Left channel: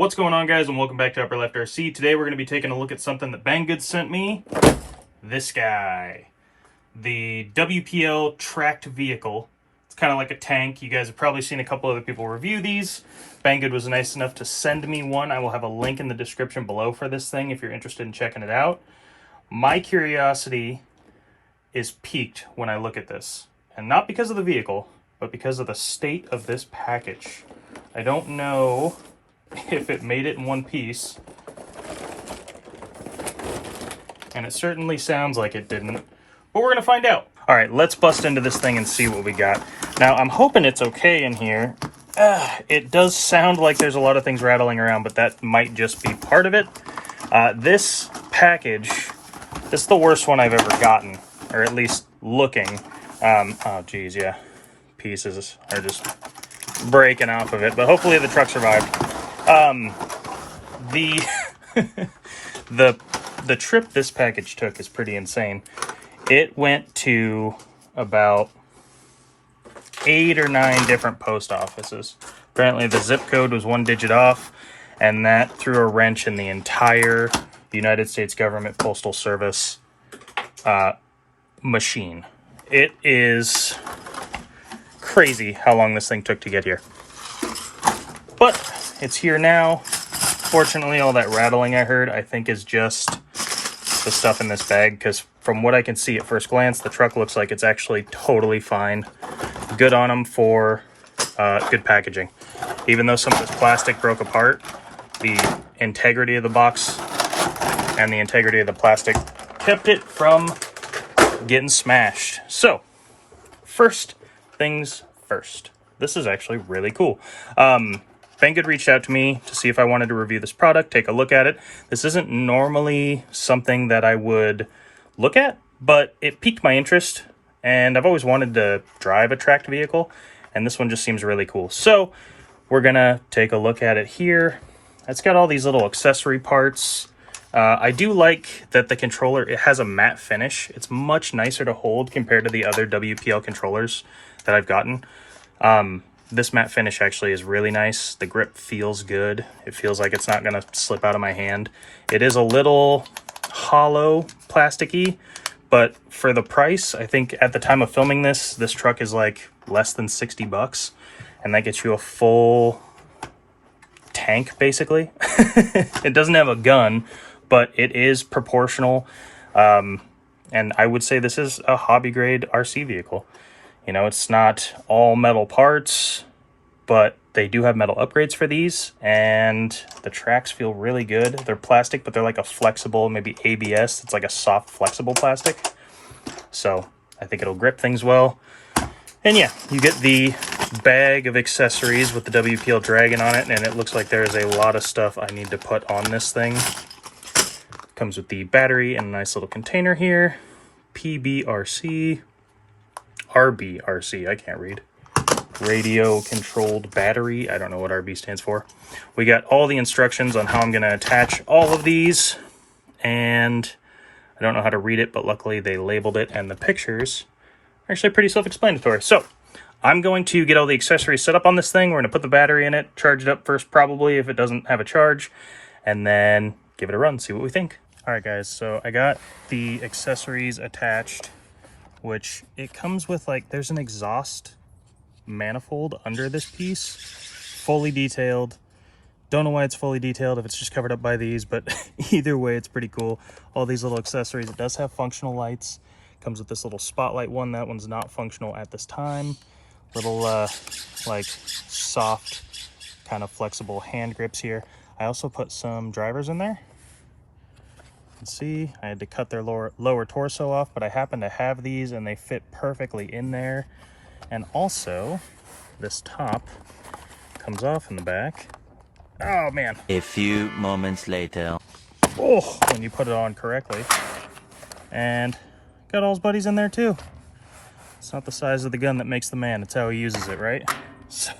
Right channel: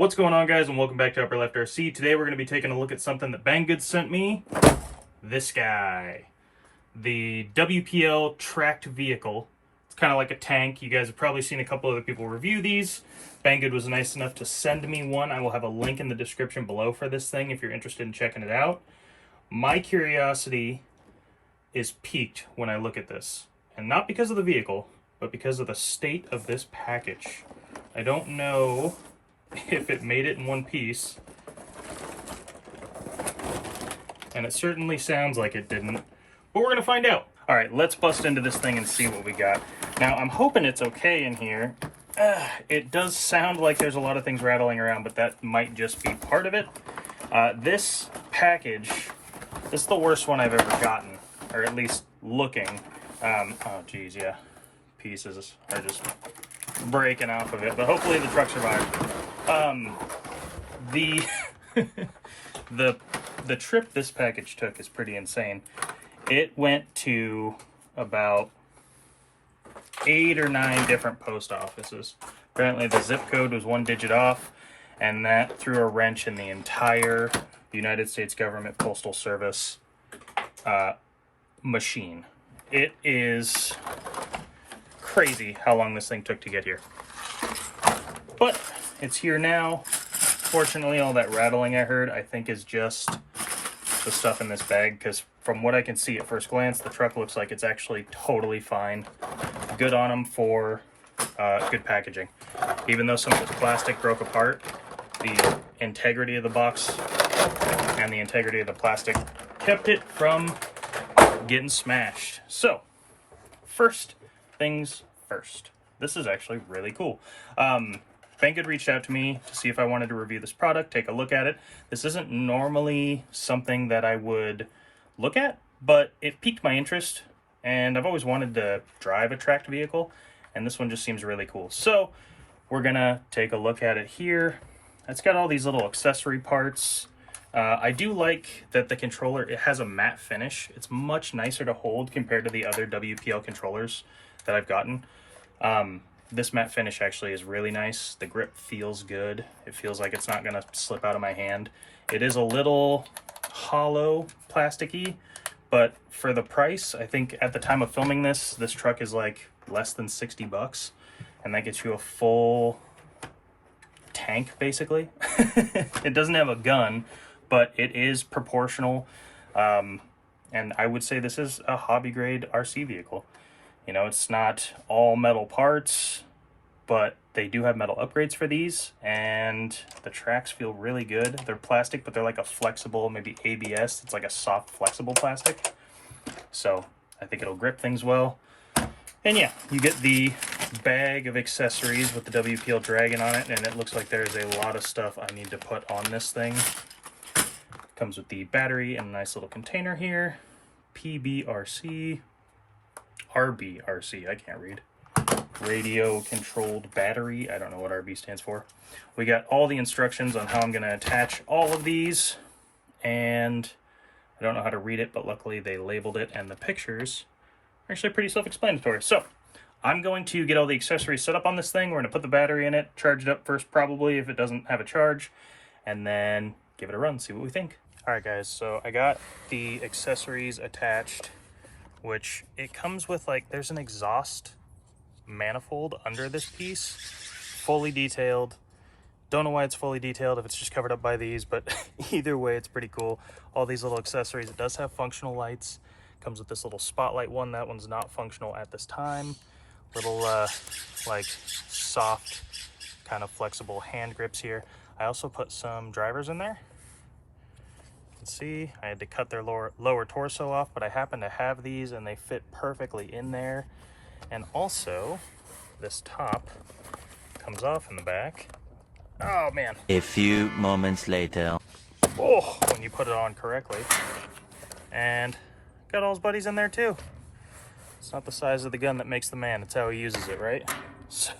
What's going on, guys, and welcome back to Upper Left RC. Today we're going to be taking a look at something that Banggood sent me. This guy. The WPL Tracked Vehicle. It's kind of like a tank. You guys have probably seen a couple other people review these. Banggood was nice enough to send me one. I will have a link in the description below for this thing if you're interested in checking it out. My curiosity is piqued when I look at this. And not because of the vehicle, but because of the state of this package. I don't know if it made it in one piece, and it certainly sounds like it didn't, but we're gonna find out. All right, let's bust into this thing and see what we got. Now, I'm hoping it's okay in here. It does sound like there's a lot of things rattling around, but that might just be part of it. This package, this is the worst one I've ever gotten, or at least looking. Oh geez, yeah, pieces are just breaking off of it, but hopefully the truck survived. The trip this package took is pretty insane. It went to about 8 or 9 different post offices. Apparently the zip code was 1 digit off, and that threw a wrench in the entire United States government postal service machine. It is crazy how long this thing took to get here. But it's here now. Fortunately, all that rattling I heard, I think, is just the stuff in this bag, because from what I can see at first glance, the truck looks like it's actually totally fine. Good on them for good packaging. Even though some of this plastic broke apart, the integrity of the box and the integrity of the plastic kept it from getting smashed. So, first things first. This is actually really cool. Banggood reached out to me to see if I wanted to review this product, take a look at it. This isn't normally something that I would look at, but it piqued my interest, and I've always wanted to drive a tracked vehicle, and this one just seems really cool. So we're gonna take a look at it here. It's got all these little accessory parts. I do like that the controller, it has a matte finish. It's much nicer to hold compared to the other WPL controllers that I've gotten. This matte finish actually is really nice. The grip feels good. It feels like it's not gonna slip out of my hand. It is a little hollow, plasticky, but for the price, I think at the time of filming this truck is like less than 60 bucks, and that gets you a full tank, basically. It doesn't have a gun, but it is proportional, and I would say this is a hobby grade RC vehicle. You know, it's not all metal parts, but they do have metal upgrades for these, and the tracks feel really good. They're plastic, but they're like a flexible, maybe ABS. It's like a soft, flexible plastic. So I think it'll grip things well. And yeah, you get the bag of accessories with the WPL Dragon on it, and it looks like there's a lot of stuff I need to put on this thing. Comes with the battery and a nice little container here. PBRC. RBRC, I can't read. Radio controlled battery. I don't know what RB stands for. We got all the instructions on how I'm going to attach all of these, and I don't know how to read it, but luckily they labeled it, and the pictures are actually pretty self-explanatory. So I'm going to get all the accessories set up on this thing. We're going to put the battery in it, charge it up first probably if it doesn't have a charge, and then give it a run, see what we think. All right, guys, so I got the accessories attached, which it comes with, like, there's an exhaust manifold under this piece, fully detailed. Don't know why it's fully detailed if it's just covered up by these, but either way, it's pretty cool. All these little accessories. It does have functional lights. Comes with this little spotlight one. That one's not functional at this time. Little like soft, kind of flexible hand grips here. I also put some drivers in there. See, I had to cut their lower torso off, but I happen to have these and they fit perfectly in there. And also, this top comes off in the back. Oh man. A few moments later. Oh, when you put it on correctly. And got all his buddies in there too. It's not the size of the gun that makes the man, it's how he uses it, right? So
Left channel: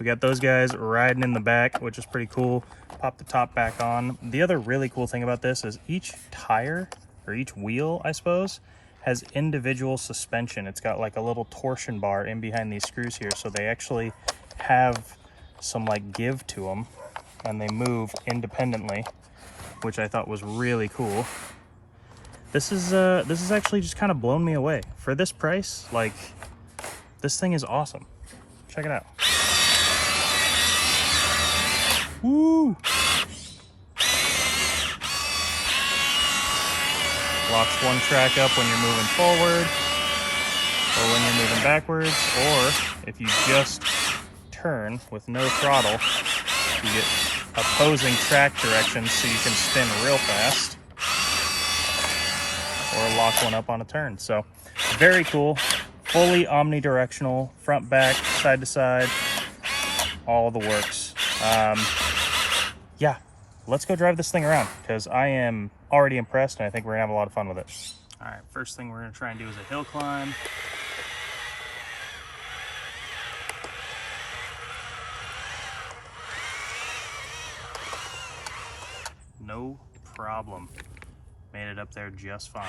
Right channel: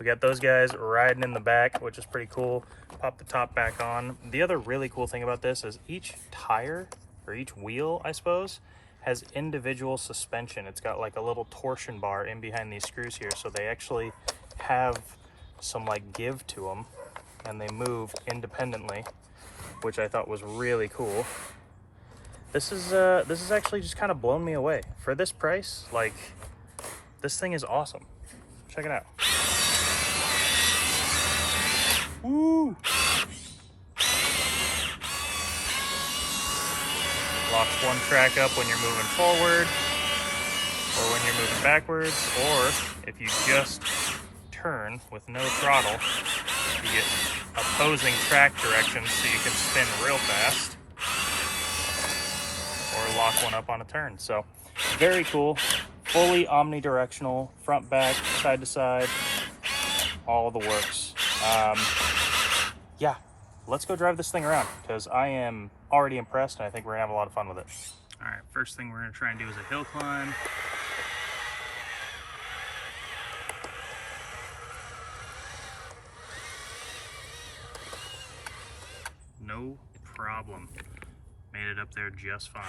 we got those guys riding in the back, which is pretty cool. Pop the top back on. The other really cool thing about this is each tire, or each wheel, I suppose, has individual suspension. It's got like a little torsion bar in behind these screws here, so they actually have some like give to them. and they move independently, which I thought was really cool. This is actually just kind of blown me away. For this price, like, this thing is awesome. Check it out. Woo! Locks one track up when you're moving forward, or when you're moving backwards, or if you just turn with no throttle, you get opposing track directions so you can spin real fast, or lock one up on a turn. So very cool, fully omnidirectional, front, back, side to side, all the works. Yeah, let's go drive this thing around because I am already impressed and I think we're gonna have a lot of fun with it. All right, first thing we're gonna try and do is a hill climb. No problem. Made it up there just fine.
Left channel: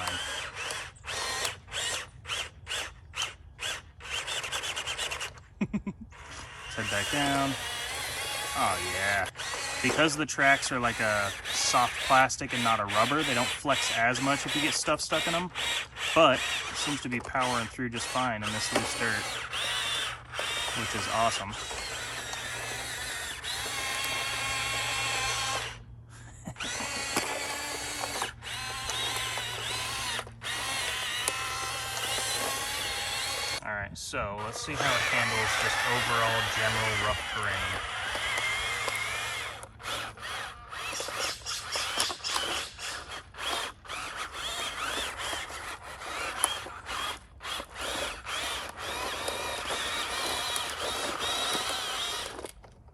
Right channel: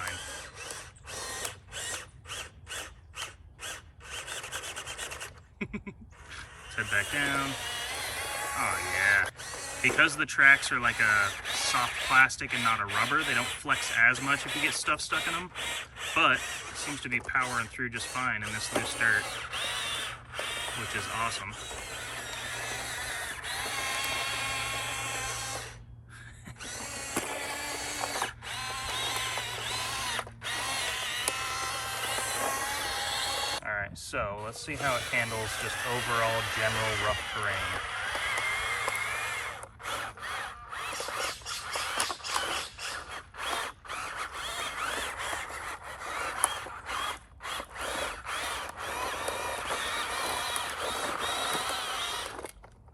Let's head back down. Oh yeah. Because the tracks are like a soft plastic and not a rubber, they don't flex as much if you get stuff stuck in them, but it seems to be powering through just fine in this loose dirt, which is awesome. Alright, so let's see how it handles just overall general rough terrain.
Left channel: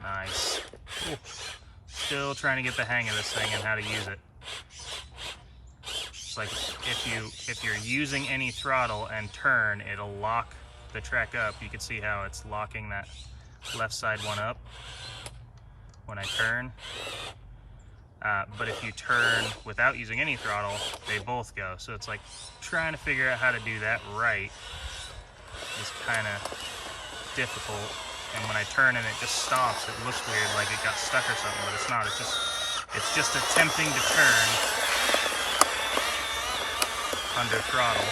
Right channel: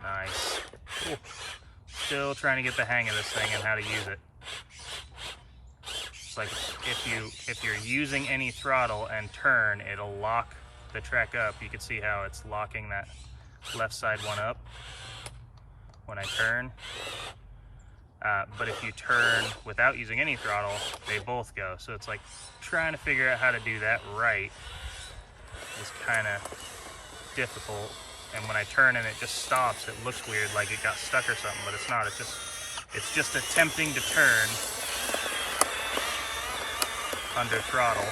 Nice. Ooh. Still trying to get the hang of this thing and how to use it. It's like if you're using any throttle and turn, it'll lock the track up. You can see how it's locking that left side one up when I turn. But if you turn without using any throttle, they both go. So it's like trying to figure out how to do that right is kind of difficult. And when I turn and it just stops, it looks weird, like it got stuck or something, but it's not. It's just attempting to turn under throttle,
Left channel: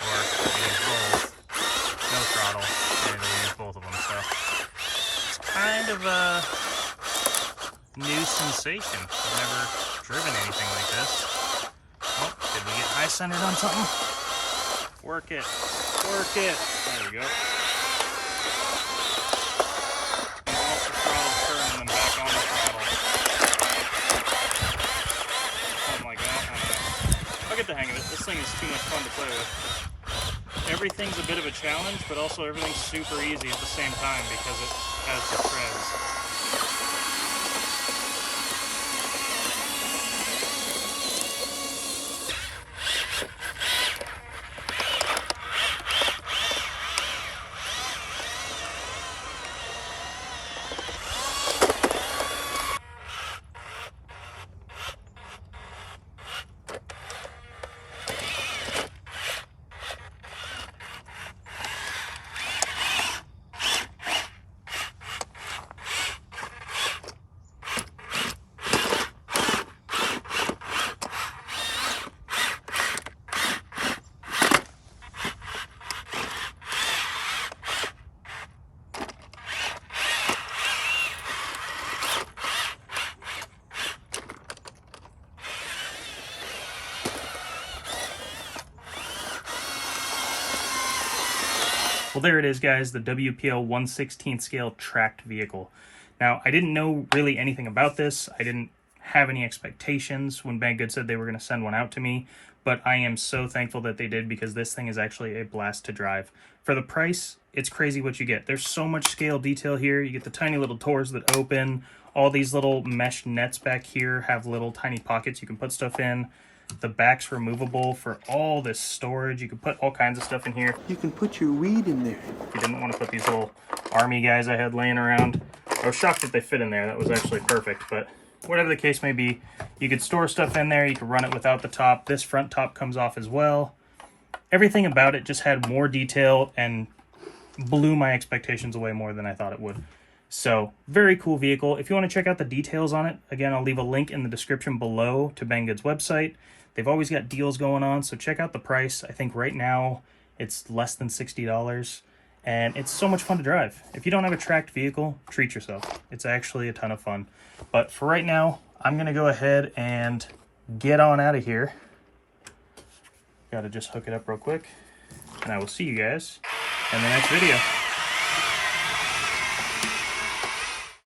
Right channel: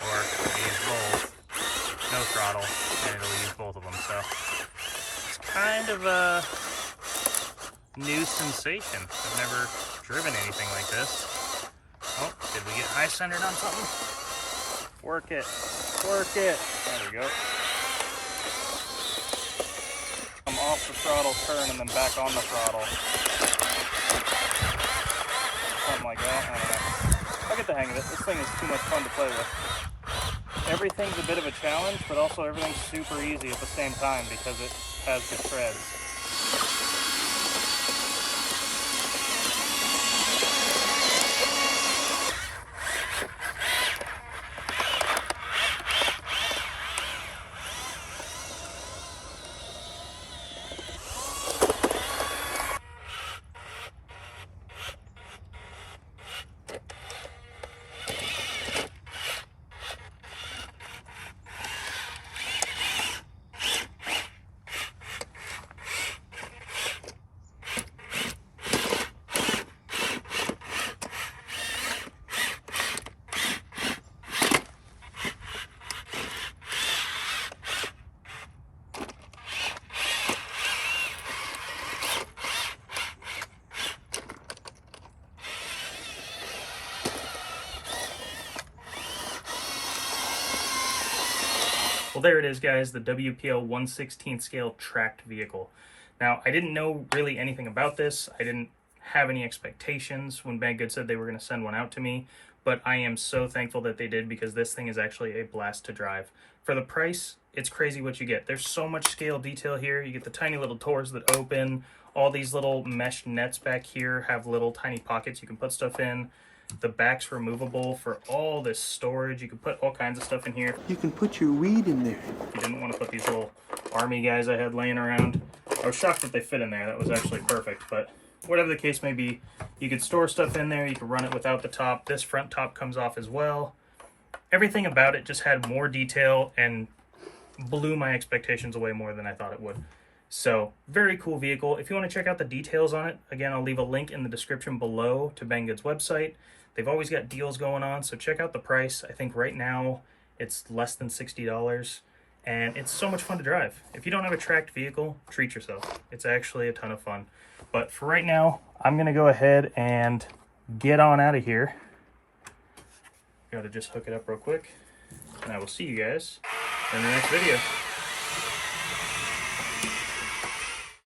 or use both, no throttle, and it'll use both of them. So it's kind of a new sensation. I've never driven anything like this. Oh, did we get high centered on something? Work it, work it. There we go. Off the throttle, turn, and then back on the throttle. Something like that. I don't know. I'll get the hang of it. This thing is too much fun to play with. Everything's a bit of a challenge, but also everything's super easy at the same time because it has the treads. Well, there it is, guys, the WPL 1/16 scale tracked vehicle. Now, I didn't know really anything about this. I didn't have any expectations when Banggood said they were going to send one out to me, but I am so thankful that they did because this thing is actually a blast to drive. For the price, it's crazy what you get. There's so much scale detail here. You get the tiny little doors that open. All these little mesh nets back here have little tiny pockets you can put stuff in. The back's removable for all this storage. You can put all kinds of stuff in here. You can put your weed in there. If you didn't want to put these little army guys I had laying around. I was shocked that they fit in there. That was actually perfect, but whatever the case may be, you could store stuff in there. You could run it without the top. This front top comes off as well. Everything about it just had more detail and blew my expectations away more than I thought it would. So, very cool vehicle. If you want to check out the details on it, again, I'll leave a link in the description below to Banggood's website. They've always got deals going on, so check out the price. I think right now it's less than $60, and it's so much fun to drive. If you don't have a tracked vehicle, treat yourself. It's actually a ton of fun. But for right now, I'm going to go ahead and get on out of here. Got to just hook it up real quick, and I will see you guys in the next video.